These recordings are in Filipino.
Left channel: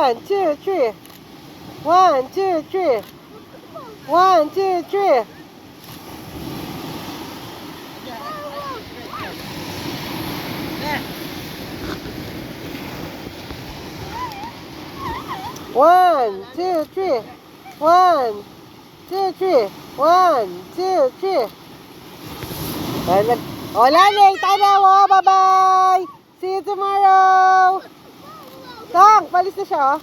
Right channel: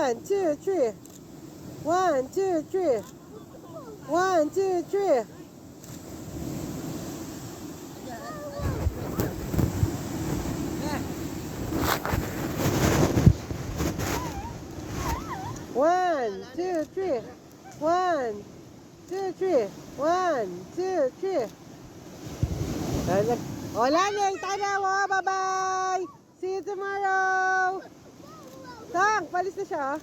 1, 2, 3. 1, 2, 3. 1, 2, 3. One, two, three. 1, 2, 3. 1, 2, 3. Hola, Nate. Tanaw. Bye-bye. See you tomorrow. Tang, palis na siya, oh.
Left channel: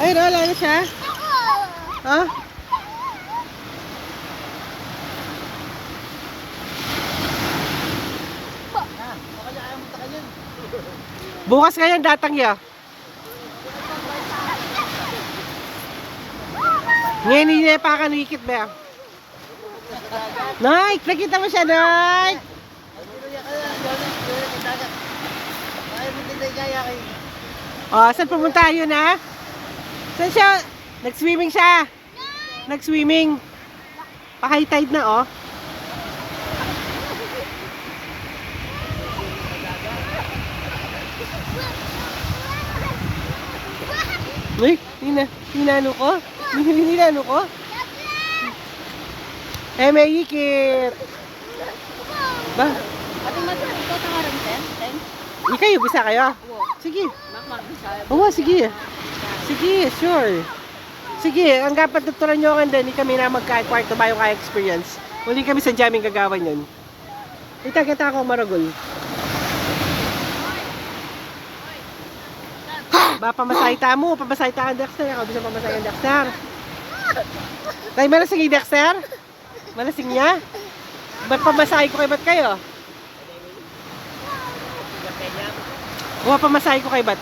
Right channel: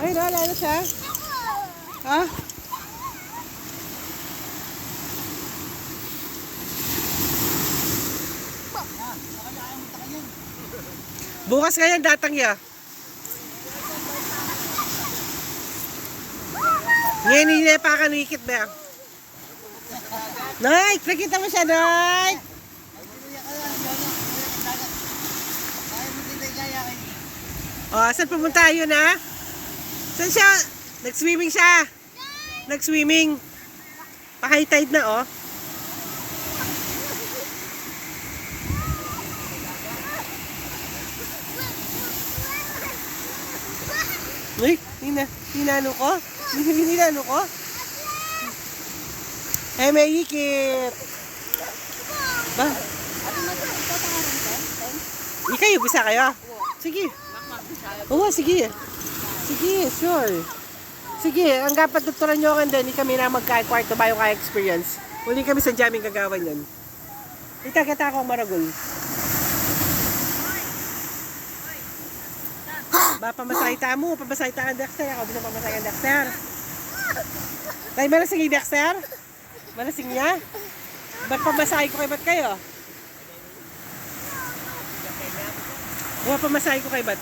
Ayun, wala na siya. Ha? Bukas ngayon datang ya. Ngayon hindi pa ka nakikit ba? Nike, nakita mo siya, Nike. Oh, saan pumunta yun, ha? Saan siya? Nag-swimming siya. Nag-swimming. Pa-high tide na, oh. Uy, ninano ko? Ninano ko? May ikit. Ba? Ikayo, bisa kayo? Sige. Oo, sige. Sige, sure. Sige, ang dapat tuturan nyo kan din, kami na magka-kwarto ba yung ka-experience. Muli kami sa jamming gagawan yun. Kita ako maragol. Ba, pamasayta mo, pamasayta ang Dexter. Ako bisa pamasay ang Dexter. Tayo malasing yung Dexter? Malasing niya? Ba't pamasahe ko ba't kayo? Pamasahe ko kay ba't?